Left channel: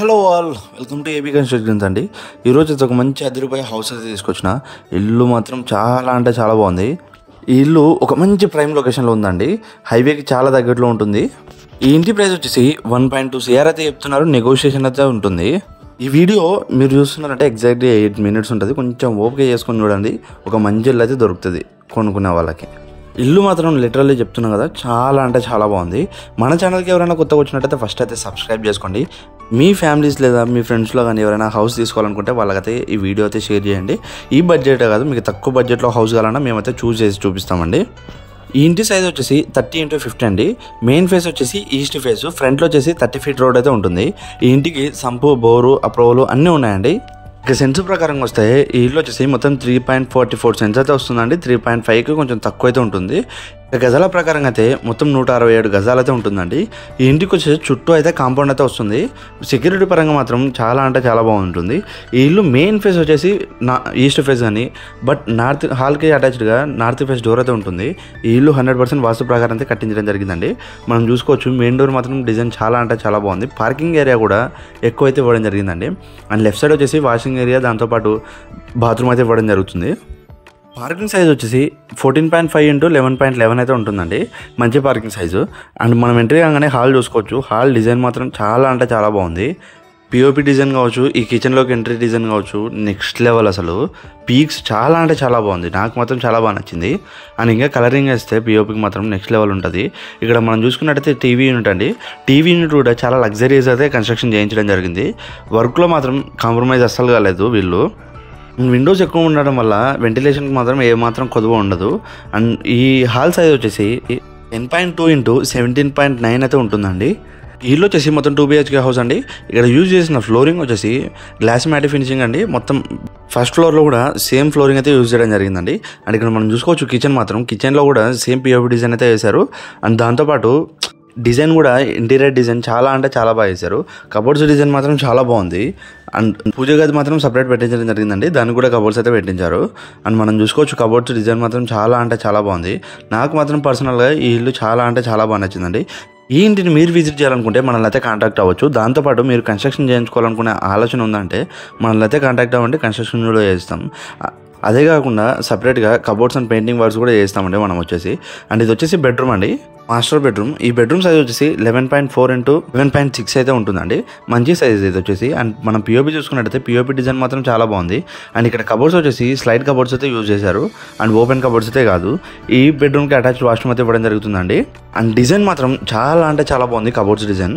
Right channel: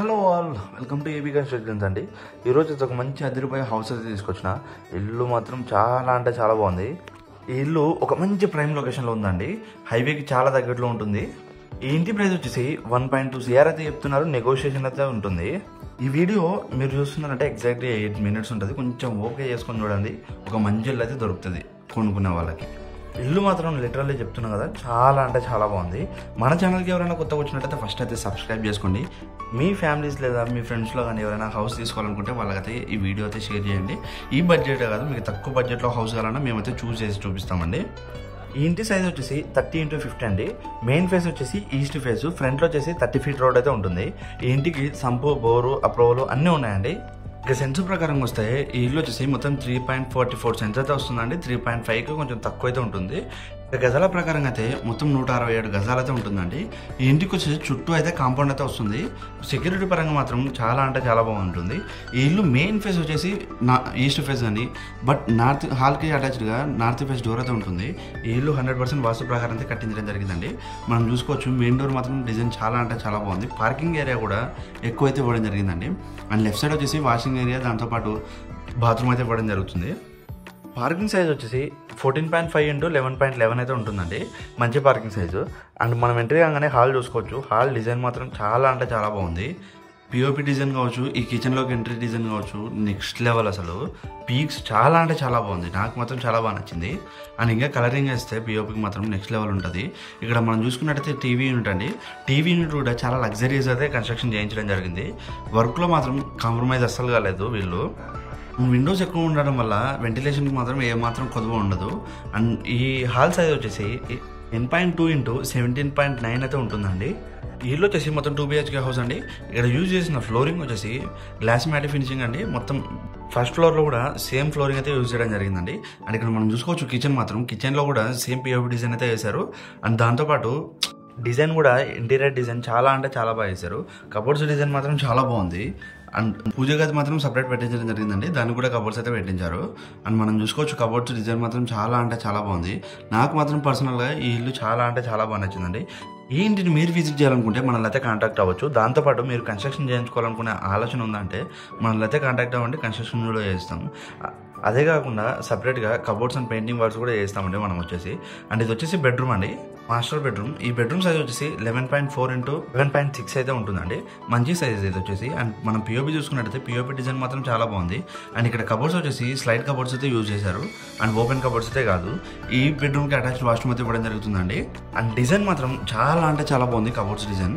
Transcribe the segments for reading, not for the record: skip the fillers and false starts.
Hello all, welcome to AB constructions అండి. ఈరోజు ఒక మంచి రూపాయ హౌస్ అయితే తీసుకొచ్చిన. ఇల్లు మాత్రం చాలా అంటే చాలా బాగుంది. ఈ ఇల్లు ఒక మంచి ప్రైమ్ లొకేషన్లో ఉందండి. హైవేకి చాలా దగ్గరలో ఉంటుంది. ఈ ఇంటి ప్రైస్ వచ్చేసి 1.2 CR అయితే చెప్తున్నారు. నెగోషియేషన్ అయితే ఉంటుంది. ఈ వీడియో మీరు చూస్తున్నారంటే ఎగ్జాక్ట్లీ 8 minutes ఉంటుంది. కొంచెం ఓపిక చేసుకొని చూడండి. ఒక మంచి ఇల్లు అయితే దొరుకుతుంది కొనుక్కునే వాళ్ళకి. ఇల్లు మాత్రం లిటరల్లీ చెప్తున్నాను కదా, చాలా అంటే చాలా బాగుంది. మన ఛానల్కి ఎవరైనా కొత్తగా వచ్చినట్టయితే ఫస్ట్ అయితే సబ్స్క్రైబ్ చేసుకోండి. మీ ఫ్యామిలీస్ లేదా మీ ఫ్రెండ్స్లో కానీ ఎవరైనా హౌస్ తీసుకోవాలనుకుంటే వాళ్ళకైతే ఈ వీడియో అయితే షేర్ చేయండి. ఈ బడ్జెటే కాదు, మీకు తక్కువ బడ్జెట్లో హౌస్ కావాలన్నా మేమైతే చేసి చూపిస్తామండి. ఈ ఇంటి సైజ్ వచ్చేసి 30x50 అండి. మెయిన్ ఫేస్ వచ్చేసి ఈస్ట్ ఫేస్, ఫ్రంట్లో వచ్చేసి 30 feet రోడ్ అయితే ఉంటుంది. ఈ ఇంటికి సంపు, బోరు, అప్రూవల్ అన్నీ ఉన్నాయండి. ఇక సెన్స్ ప్రకారం వస్తే ఈ ఇల్లు వచ్చేసి మొత్తం 3.44 సెన్స్ అయితే వస్తుందండి. 3.5కి కొంచెం తక్కువ అయితే ఉంటుంది. ఇక గజాల ప్రకారం అయితే మొత్తం 167 గజాలు అయితే ఉంటుందండి. ఈ ఇంటికి వచ్చేసి చుట్టూ అయితే కాంపౌండ్ అయితే వస్తుంది. సెక్యూరిటీ పరంగా మాత్రం చాలా అంటే చాలా బాగుంటుంది. ఈ ఇల్లు మెయిన్ ఫేస్ వచ్చేసి ఈస్ట్ ఫేస్ కానీ, బట్ నార్త్ హాల్కి అటాచ్డ్గా నార్త్ ఫేస్ డోర్ అయితే ఉంటుంది. ఈ ఇల్లు 100% వాస్తు ప్రకారం అయితే కట్టించడం జరిగిందండి. మనం చూసుకోవచ్చు మెయిన్ డోర్ మాత్రం డిజైన్ చాలా అంటే చాలా బాగుంది. పార్కింగ్ ఏరియా కూడా ఎక్కువ అయితే ఇవ్వడం జరిగిందండి. అండ్ లెఫ్ట్ సైడ్ వచ్చేసి వాషింగ్ ఏరియా, దాంతోపాటు బాత్రూమ్ అయితే ఇవ్వడం జరుగుతుంది. పార్కింగ్ సైజ్ వచ్చేసి 14.5 x 11.11 అయితే ఉంటుందండి. మంచి పార్కింగ్ సైజు. అండ్ మనం ఎంట్రీ కాగానే హాల్ చూసుకోవచ్చు. హాల్ డిజైన్ మాత్రం చాలా అంటే చాలా బాగుంది. పిఓపి డిజైన్ కావచ్చు, ఈ కిచెన్లోకి ఎంట్రీ డిజైన్ కావచ్చు, నెక్స్ట్ లెవెల్. అసలు పీక్స్ చాలా అంటే చాలా బాగుంది. నాకు మాత్రం చాలా బాగా నచ్చింది. అండ్ ఇంకా కలరింగ్ వేస్తే పిఓపికి మాత్రం నెక్స్ట్ లెవెల్ ఉంటుంది. ఇక్కడ మనం చూసుకున్నట్టయితే టీవీ యూనిట్ అండి. టీవీ యూనిట్ కూడా చాలా లగ్జరీస్ అయితే కన్స్ట్రక్షన్ చేయించడం జరిగింది. వర్క్లో మాత్రం కాంప్రమైజ్ అస్సలు కాలేదు వీళ్ళు. విండోస్ ఎక్కువ ఉండడం వల్ల వెంటిలేషన్కి మాత్రం ఏమాత్రం కొదువ ఉండదు. అండ్ ఈ హాల్ సైజ్ వచ్చేసి 10.2 x 17.9 అయితే ఉంటుందండి. ఈ ఇల్లు వచ్చేసి మొత్తం 2 BHK హౌస్ అండి. ఇక్కడ యూజ్ చేసిన ఫ్లోరింగ్ వచ్చేసి గ్లాస్ మ్యాట్ ఫినిషింగ్ అండి. మొత్తం ఫస్ట్ ఫ్లోర్లో కూడా సేమ్ ఫ్లోరింగ్ అయితే యూజ్ చేయడం జరిగిందండి. అండ్ ఇక్కడ మనం చూసుకోవచ్చు కిచెన్లో కూడా సేమ్ పిఓపి డిజైన్ అయితే వేశారు. అండ్ దాంతోపాటు డిజైన్ కూడా ఇంటీరియర్ డిజైన్ చాలా అంటే చాలా బాగా వేశారు. కబోర్డ్స్ డిజైన్ మాత్రం చాలా బాగుంది. అండ్ పూజ గది మాత్రం సపరేట్ పెట్టించడం జరిగిందండి. దానికి కూడా కబోర్డ్స్ అయితే పెట్టించారు. అండ్ మనం చూసుకోవచ్చు కబోర్డ్స్ డిజైన్ మాత్రం చాలా అంటే చాలా బాగుంది. నాకు మాత్రం పర్సనల్గా ఈ ఇల్లు చాలా అంటే చాలా బాగా నచ్చిందండి. ఈ ఇంటిని మీరు విజిట్ చేయాలనుకుంటే మనల్ని అయితే కాంటాక్ట్ అవ్వచ్చు. దాంతోపాటు మీరు కన్స్ట్రక్షన్ చేయించుకోవాలనుకునే ఆలోచన ఉందంటే మనల్ని అయితే కాంటాక్ట్ అవ్వండి. కన్స్ట్రక్షన్ కూడా చేస్తాం. అదే కాకుండా సపరేట్గా కబోర్డ్స్ అండ్ పెయింటింగ్ వర్క్స్ కూడా చేస్తామండి మనం వచ్చేసి. అండ్ ఇది వచ్చేసి బెడ్రూమ్ అండి, మాస్టర్ బెడ్రూమ్. ఈ బెడ్రూమ్ సైజ్ వచ్చేసి 11.4 x 11.6 అయితే ఉంటుందండి. మంచి సైజ్ ఇది వచ్చేసి. అండ్ మనం పిఓపి చూసుకున్నట్టయితే పిఓపి డిజైన్ మాత్రం చాలా బాగుంది. అండ్ ఇక్కడ కబోర్డ్స్ వచ్చేసి స్లైడ్ కబోర్డ్స్ అయితే యూజ్ చేశారు. అండ్ ఓపెన్ కబోర్డ్స్ అయితే కాదు. ఈ బెడ్రూమ్కి అటాచ్డ్ వాష్రూమ్ అయితే ఇవ్వడం జరుగుతుందండి. అండ్ డిజైన్ మాత్రం చాలా అంటే చాలా బాగుంది కబోర్డ్స్ డిజైన్.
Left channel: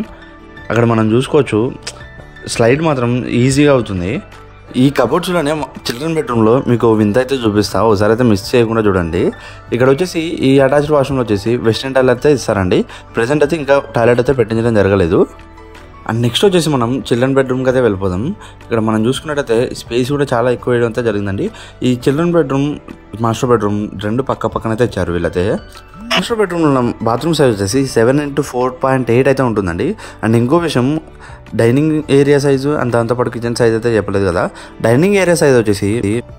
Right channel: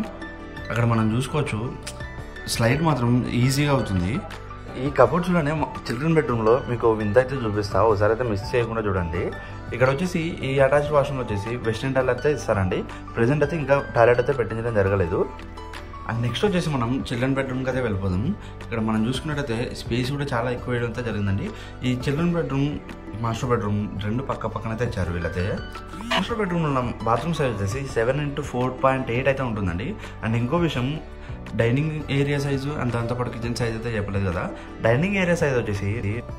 అక్కడ మనం చూసుకోవచ్చు స్లైడ్ మాత్రం ఈజీగా అవుతుంది. ఈ కబోర్డ్స్లోనే చిల్డ్రన్ బెడ్రూమ్లో మీకు వింత అయితే చూపిస్తా, ఒకసారి అయితే మిస్ చేయకుండా చూడండి. ఇక్కడ వచ్చేసి ఈ అటాచ్డ్ వాష్రూమ్లో వచ్చేసి వెస్టర్న్ టాయిలెట్ అయితే ఇస్తారండి. ప్రెజెంట్ అయితే ఇంకా టాయిలెట్ అయితే పెట్టించడం జరగలేదు. అండ్ నెక్స్ట్ వచ్చేసి మనం చిల్డ్రన్ బెడ్రూమ్కి అయితే వెళ్ళిపోదాం. ఇక్కడ మనం చూసుకున్నట్టయితే స్పేస్ కూడా చాలా ఎక్కువ వేయడం అయితే జరిగిందండి. ఈ చిల్డ్రన్ బెడ్రూమ్, మాస్టర్ బెడ్రూమ్ రెండు పక్కనైతే ఇచ్చారు వీళ్ళైతే. మాస్టర్ బెడ్రూమ్లో బాత్రూమ్ సైజ్ వచ్చేసి 7 x 4.8 అయితే ఉంటుందండి. అండ్ ఇంకో విషయం, డైనింగ్ ఏరియా సైజు అండ్ దాంతోపాటు కిచెన్ సైజ్ అయితే చెప్పలేదు కదా. డైనింగ్ ఏరియా సైజ్ వచ్చేసి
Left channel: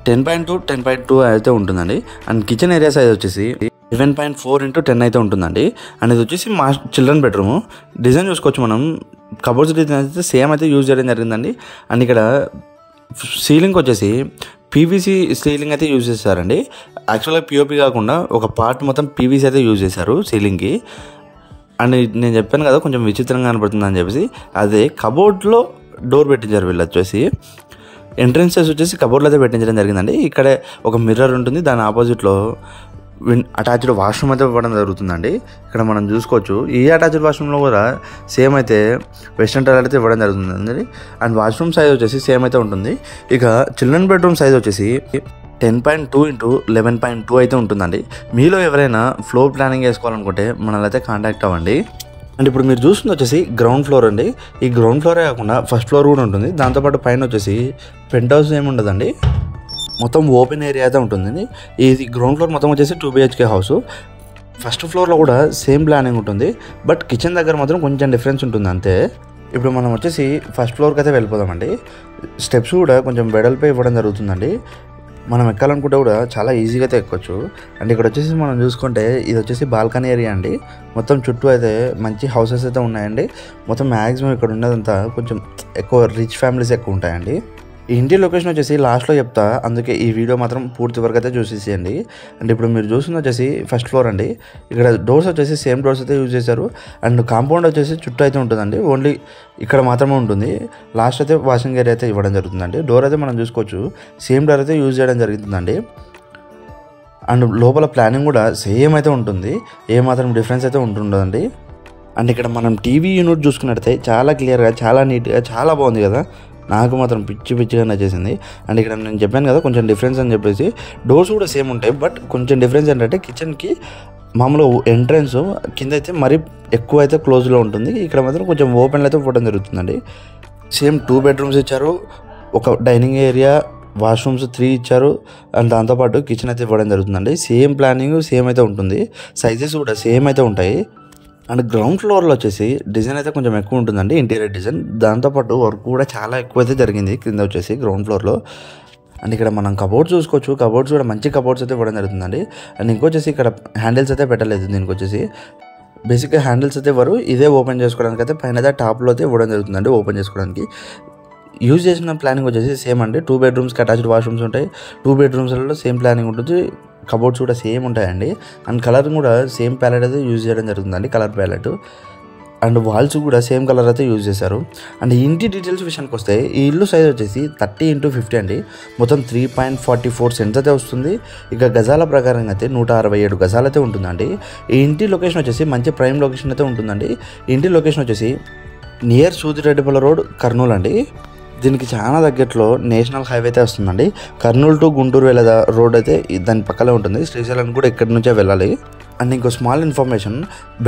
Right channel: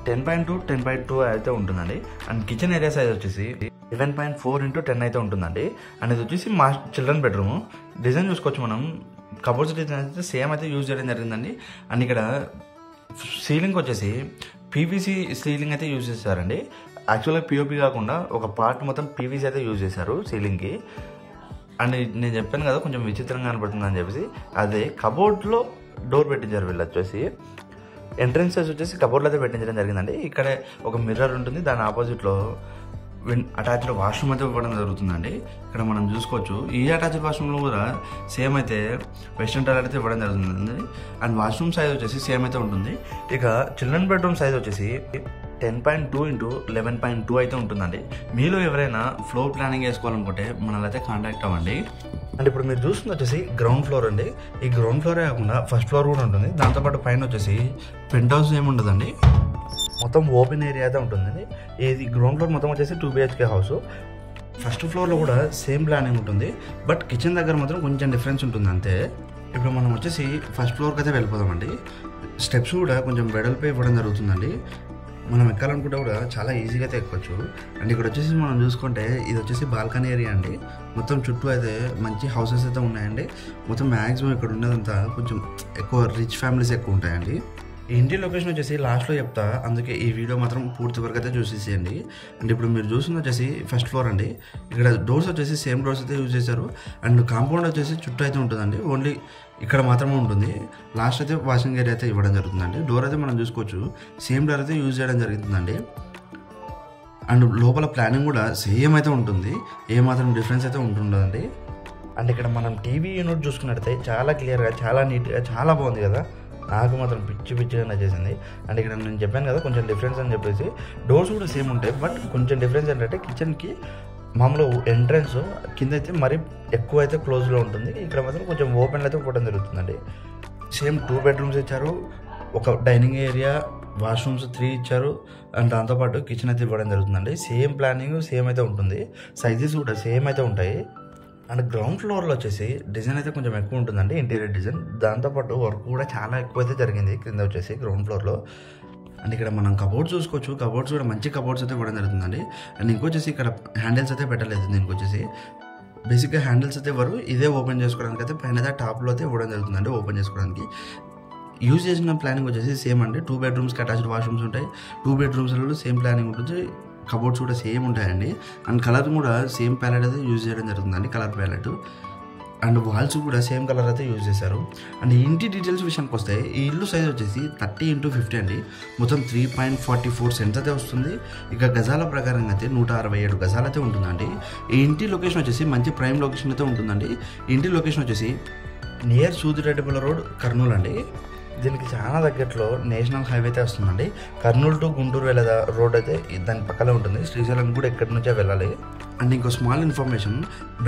10.2 అయితే ఉంటుందండి. అండ్ కిచెన్ ఏరియా సైజ్ వచ్చేసి 11.4 x 10 అయితే ఉంటుందండి. అండ్ ఇది వచ్చేసి మా చిల్డ్రన్ బెడ్రూమ్. డిజైన్ చూసుకోవచ్చు మనం. కబోర్డ్స్ డిజైన్ అయితే సేమ్ అయితే యూజ్ చేయడం జరిగిందండి. అండ్ ఇక్కడ సీలింగ్ వచ్చేసి పీవీసీ సీలింగ్ అయితే యూజ్ చేస్తారండి. యాక్చువల్గా పిఓపి కాకుండా ఒక పార్ట్ మొత్తం పీవీసీ అయితే యూజ్ చేశారు సీలింగ్కి. అండ్ నేను చెప్పాను కదా కొంచెం విచిత్రంగా కనపడుతుంది అని చెప్పేసి, అదే కబోర్డ్లో డోర్ పెట్టించారు వీళ్ళు వచ్చేసి. ఎంట్రన్సెస్ వచ్చేసి కబోర్డ్లో అయితే పెట్టించడం జరిగిందండి. ఇక్కడ ఒక మిర్రర్ ఉంటుంది, దాని ఆపోజిట్లో అటాచ్డ్ వాష్రూమ్ అయితే ఇవ్వడం జరుగుతుందండి. ఇక్కడ మనం చూసుకోవచ్చు ఈ అటాచ్డ్ వాష్రూమ్లో కూడా సేమ్ అయితే వెస్టర్న్ టాయిలెట్ అయితే ఇవ్వడం జరుగుతుందండి. అండ్ వాష్రూమ్ సైజ్ వచ్చేసి సేమ్ అయితే ఉంటుంది. ఇక చిల్డ్రన్ బెడ్రూమ్ సైజ్ వచ్చేసి 10.2 x 11.2 అయితే ఉంటుందండి. మీలో ఎవరైనా ఫ్లోర్ ప్లానింగ్ చేసుకోవాలనుకుంటే మనల్ని అయితే కాంటాక్ట్ అవ్వండి. అండ్ ఇప్పుడు మీరు చూస్తుంది వచ్చేసి గ్రౌండ్ ఫ్లోర్ అండి. ఈ గ్రౌండ్ ఫ్లోరే కాకుండా ఫస్ట్ ఫ్లోర్ కూడా ఉంటుంది. దాంతోపాటు పైన వచ్చేసి పెంట్ హౌస్ ఏమి ఉండదండి, మొత్తం ఓపెన్ ఏరియా అయితే ఉంటుంది. ఇది గ్రౌండ్ ఫ్లోర్ మొత్తం వచ్చేసి 2 BHK హౌస్. ఫస్ట్ ఫ్లోర్లో కూడా సేమ్ ప్లానింగ్ ఉంటుంది, బట్ కిచెన్ దగ్గర మాత్రం కొంచెం డిఫరెన్స్ ఉంటుంది అంతే. ఇప్పుడు మనం వచ్చేసి ఫస్ట్ ఫ్లోర్కి అయితే వెళ్ళిపోదామండి. స్టెప్స్ కూడా కొంచెం వెడల్పై ఇవ్వడం జరుగుతుందండి. మనం ఎక్కాలనుకుంటే కూడా చాలా ఈజీగా అయితే ఎక్కొచ్చు. అండ్ ఇక్కడ వచ్చేసి మనం చూసుకుంటే ఇది వచ్చేసి బాల్కనీ ఏరియా అండి. మొత్తం చుట్టూ అయితే మంచి హౌసెస్ అయితే ఉన్నాయండి. మొత్తం మ్యాక్సిమం ఇక్కడ ఉన్నదంతా కొంచెం ఎక్కువ రిచ్ ఫ్యామిలీస్ ఎక్కువ ఉంటాయండి. ఈ ఇంటి లొకేషన్ వచ్చేసి లాస్ట్లో చెప్తా, అందుకే ఈ వీడియో మాత్రం పూర్తి వరకు అయితే చూసేసేయండి. అండ్ ఇప్పుడు మీరు చూస్తుంది వచ్చేసి ఫస్ట్ ఫ్లోర్ అండి. ఇక్కడ డోర్స్ వచ్చేసి సేమ్ డోర్స్ అయితే యూజ్ చేశారు. అండ్ కాంపౌండ్ వచ్చేసి చుట్టూ అయితే ఉంటుందండి, ఓన్లీ ఇక్కడ మాత్రమే ఉంటుంది. లాస్ట్ అయితే వాషింగ్ ఏరియా అయితే ఇవ్వడం జరుగుతుందండి. డోర్ అయితే మనం చూసుకోవచ్చు, సేమ్ డోర్ అయితే యూజ్ చేయడం జరుగుతుందండి. అండ్ లోపల ప్లానింగ్ కూడా సేమ్ అయితే ఉంటుంది, ఏమాత్రం డిఫరెన్స్ అయితే ఉంటుందండి. అండ్ ఇక్కడ మనం టీవీ యూనిట్ చూసుకున్నట్టయితే చాలా క్లియర్గా, చాలా నీట్గా, చాలా బాగుంది కదా. నాకు మాత్రం పిచ్చిగా నచ్చేసింది. అండ్ ఇక్కడ నేను చెప్పాను కదా కొంచెం డిఫరెన్స్ అని చెప్పేసి, డోర్స్ కూడా సేమ్ ఉంటాయి, బట్ కొంచెం డిఫరెన్స్ ఏంటంటే కిచెన్కి మామూలు ఎంట్రన్స్ కింద అయితే మరీ ఎక్కువ అయితే క్లోజ్లో ఉంటుంది, ఇక్కడ మాత్రం కొంచెం ఓపెన్లో అయితే ఇవ్వడం జరుగుతుందండి. సేమ్ 2 బెడ్రూమ్స్ ఇచ్చారు, ఒక డైనింగ్ ఏరియా, వాష్రూమ్స్ 3 ఇచ్చారు. అండ్ దాంతోపాటు కిచెన్ అయితే ఇవ్వడం జరుగుతుందండి. సేమ్ ప్లానింగ్ సేమ్ అయితే ఉంటుంది, సైజెస్ కూడా సేమ్ అయితే ఉంటాయి. అండ్ గ్రౌండ్ ఫ్లోర్లో వచ్చేసి డిజైన్ అయితే కొంచెం ఎక్కువ ఉంటుందండి, ఇంటీరియర్ డిజైన్. దాంతోపాటు వర్క్ కూడా చాలా ఎక్కువ అయితే జరిగింది కింద వచ్చేసి గ్రౌండ్ ఫ్లోర్లో. అండ్ ఇక్కడ మనం కబోర్డ్స్ చూసుకోవచ్చు, కబోర్డ్స్ కూడా మంచి కబోర్డ్స్ అయితే ఇవ్వడం జరుగుతుందండి. అండ్ ఇంకొచ్చేసి ఇక్కడ హ్యాండిల్స్ అయితే పెట్టలేదు, దీనికి వచ్చేసి బేసిక్గా హ్యాండిల్స్ అయితే ఇవ్వరు, ఇదే ఓపెన్ చేసుకోవడానికి అయితే పైన అయితే టాప్లో అయితే ఇవ్వడం జరుగుతుందండి. ఓపెన్ చేసుకోవడానికి యూజ్ చేసిన ప్లానింగ్ వచ్చేసి సేమ్ అండి. 2 బెడ్రూమ్స్కి అటాచ్డ్ వాష్రూమ్స్ ఉంటాయి, 2 బెడ్రూమ్స్లలో సేమ్ ప్లానింగ్ ఉంటుంది, కబోర్డ్స్ కూడా సేమ్ ఉంటాయండి. అండ్ కలర్ కూడా సేమ్ ప్యాలెట్ అయితే యూజ్ చేయడం జరుగుతుందండి, కలర్ ప్యాలెట్. అండ్ వాల్స్ కూడా సేమ్ కలర్ అయితే యూజ్ చేశారు. అండ్ ఇంటి డీటెయిల్స్ విషయానికి వస్తే ఈ ఇల్లు సైజ్ వచ్చేసి 30x50 అండి. మొత్తం 3.44 సెంట్స్ అయితే వస్తుంది. ఇక గజాల ప్రకారంగా అయితే 167 గజాలు అయితే ఉంటుందండి. ఈ ఇంటి లొకేషన్ వచ్చేసి మంచి ప్రైమ్ లొకేషన్ అయితే ఉంటుందండి. ఈ ఇంటి లొకేషన్ వచ్చేసి నియర్ సూదిరెడ్డిపల్లి రోడ్, కర్నూలు అండి. దీనికి చాలా దగ్గరలో నేషనల్ హైవే అయితే వస్తుందండి. కర్నూలు టు గుంటూరు వెళ్ళే రోడ్ అయితే దాని పక్కనే ఉంటుంది. శ్రీశైలం కూడా ఇక్కడి నుంచే వెళ్ళాలి. అండ్ ఇంకో small information,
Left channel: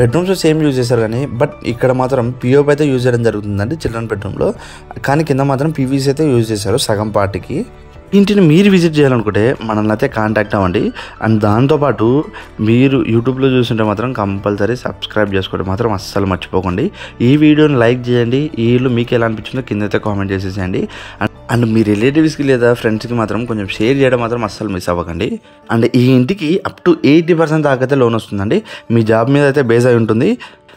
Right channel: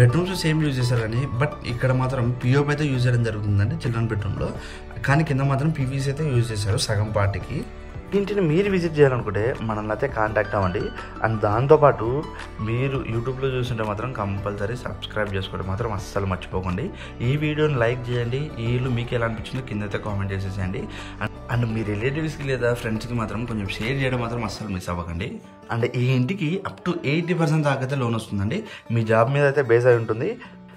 bedrooms same use చేశారు కానీ బట్ ఇక్కడ మాత్రం పిఓపి అయితే యూజ్ చేయడం జరుగుతుందండి చిల్డ్రన్ బెడ్రూమ్లో. కానీ కింద మాత్రం పీవీసీ అయితే యూజ్ చేశారు సగం పార్టీకి. ఇంటిని మీరు విజిట్ చేయాలనుకుంటే మనల్ని అయితే కాంటాక్ట్ అవ్వండి. అండ్ దాంతోపాటు మీరు యూట్యూబ్లో చూస్తుంటే మాత్రం కంపల్సరీ సబ్స్క్రైబ్ చేసుకోవడం మాత్రం అస్సలు మర్చిపోకండి. ఈ వీడియోని లైక్ చేయండి, ఈ ఇల్లు మీకు ఎలా అనిపించిందో కింద అయితే కామెంట్ చేసేసేయండి. అండ్ మీ రిలేటివ్స్కి లేదా ఫ్రెండ్స్కి మాత్రం కొంచెం షేర్ చేయడం మాత్రం అస్సలు మిస్ అవ్వకండి. అండ్ ఈ ఇంటికి అప్ టు 80% దాకా అయితే లోన్ వస్తుందండి. మీ జాబ్ మీద అయితే బేస్ అయి ఉంటుంది.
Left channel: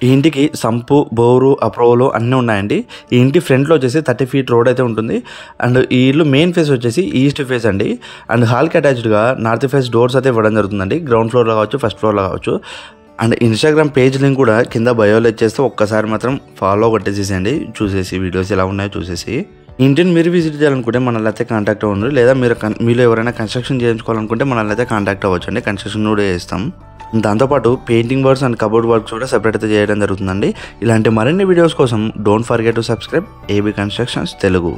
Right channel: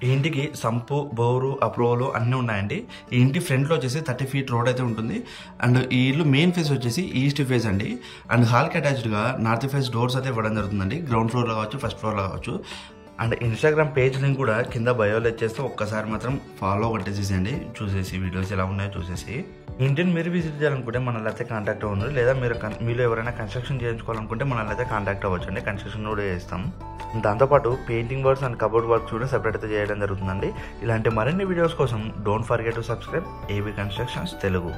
ఈ ఇంటికి సంపు, బోరు, అప్రోవలు అన్నీ ఉన్నాయండి. ఈ ఇంటి ఫ్రంట్లో వచ్చేసి 30 ఫీట్ రోడ్ అయితే ఉంటుంది. అండ్ ఈ ఇల్లు మెయిన్ ఫేస్ వచ్చేసి ఈస్ట్ ఫేస్ అండి. అండ్ హాల్కి అటాచ్డ్గా నార్త్ ఫేస్ డోర్స్ అయితే ఇవ్వడం జరుగుతుందండి. గ్రౌండ్ ఫ్లోర్లో కావచ్చు, ఫస్ట్ ఫ్లోర్లో కావచ్చు. అండ్ ఇన్స్టాగ్రామ్ పేజ్ లింక్ కూడా కింద బయోలో ఇచ్చేస్తే ఒక్కసారి మాత్రం ఫాలో కొట్టేసేసేయండి, చూసేసి వీడియోస్ ఎలా ఉన్నాయో చూసేసి. ఇంటిని మీరు విజిట్ చేయాలనుకుంటే మనల్ని అయితే కాంటాక్ట్ అవ్వండి. లేదా మీలో ఎవరైనా కన్స్ట్రక్షన్ చేయించుకోవాలనుకుంటే మనల్ని అయితే కాంటాక్ట్ అవ్వచ్చు అండి, కన్స్ట్రక్షన్ కూడా చేస్తాం. దాంతోపాటు painting works and cupboard works కూడా సెపరేట్ అయితే చేయడం జరుగుతుందండి. ఇలాంటి మరిన్ని వీడియోస్ కోసం don't forget to subscribe AB constructions Telugu.